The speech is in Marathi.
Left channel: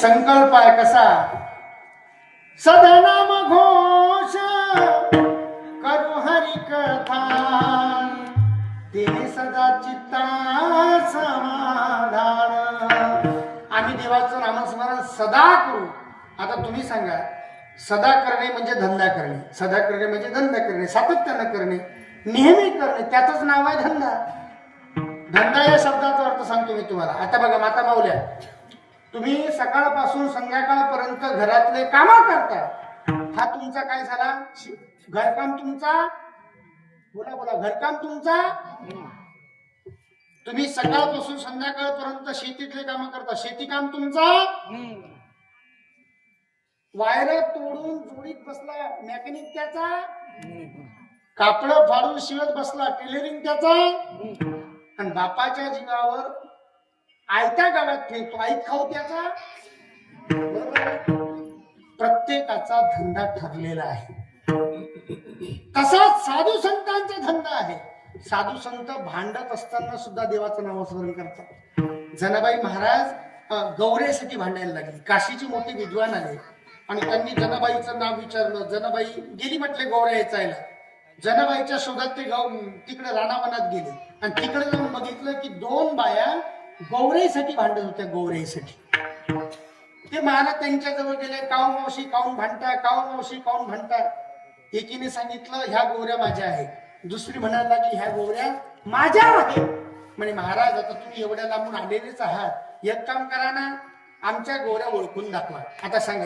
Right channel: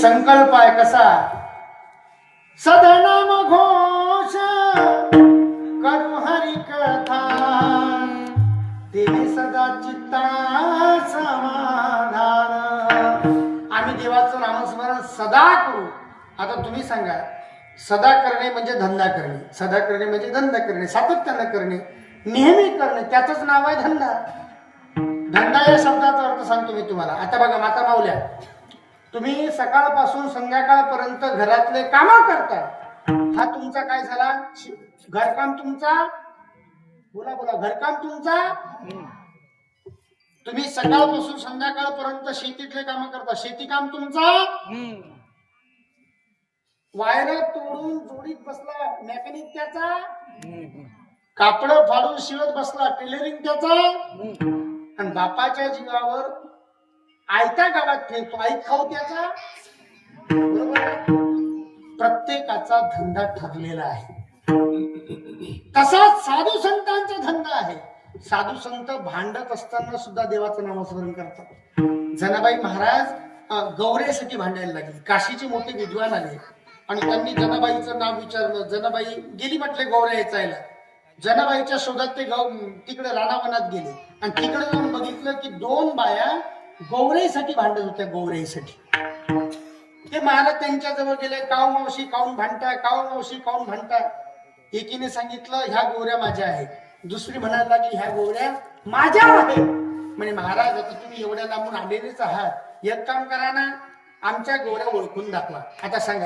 संकल्प आहे कसा, सदनाम घोष करू हरी कथा, ते सदा चित्ता समाधान. आम्ही देवाचं नामस्मरण सदा करू. आता तुम्ही सांगा, सदा करणे म्हणजे धंदा करणे, सदा करणे म्हणजे धंदा करणे, सातत्याने करणे, नेहमी करणे, त्याचंच नाव आहे धंदा. धंदा या शब्दाचा अर्थ सांगतो मी तुम्हाला. आता बघा माता माऊल्या, तुम्ही सकाळपासून संध्याकाळपर्यंत घरातले काम करता, हा तुमचा काय झाला? घरकाम तुमचा, बोला बोला, घरकाम तुमचा. तुम्ही सकाळपासून संध्याकाळपर्यंत शेतीतले काम करता, शेती काम तुमचा. वायर तोडून जोडीत बसला मेकॅनिक त्याचा, कापड फाडून शिवत बसला टेलरिंग त्याचा, आणि बापाच्या जीवावर आयत्या गावात फिरतो आई खाऊ त्याचा. प्रत्येकाचा धंदा ठरलेला आहे. तसाच साधू संतांचा धंदा आहे. साधू संत भांडत असताना सुद्धा देवाचं नामस्मरण करतात. जनाबाई महाराज गौरेसाठी भांडायला लागले. काशीचे मोठे विद्वान आले आणि त्यांनी जनाबाईचं नाव विचारलं. जनाबाई गेली म्हटले गौऱ्या याचायला. जनाबाईच्या शोधात ते तिकडे रानावनात गेले आणि तिकडे जाऊन बघितलं की दोन बाया गौरेसाठी भांडत होत्या. गौरेसाठी ते महाराज त्यांच्या जवळ गेले. काऊ मावशी काऊन भांडता, काऊ मावशी काऊन भांडता. एकीने सांगितलं ह्या गोऱ्या माझ्या आहेत. दुसरी म्हणायला लागली ह्या गोऱ्या माझ्या आहेत. म्हणे महाराज आता तुम्ही एवढ्या लांबून आलेलेच आहात, एक काम करा ना, आमच्या गोऱ्या ओळखून दाखवा. आता सांगा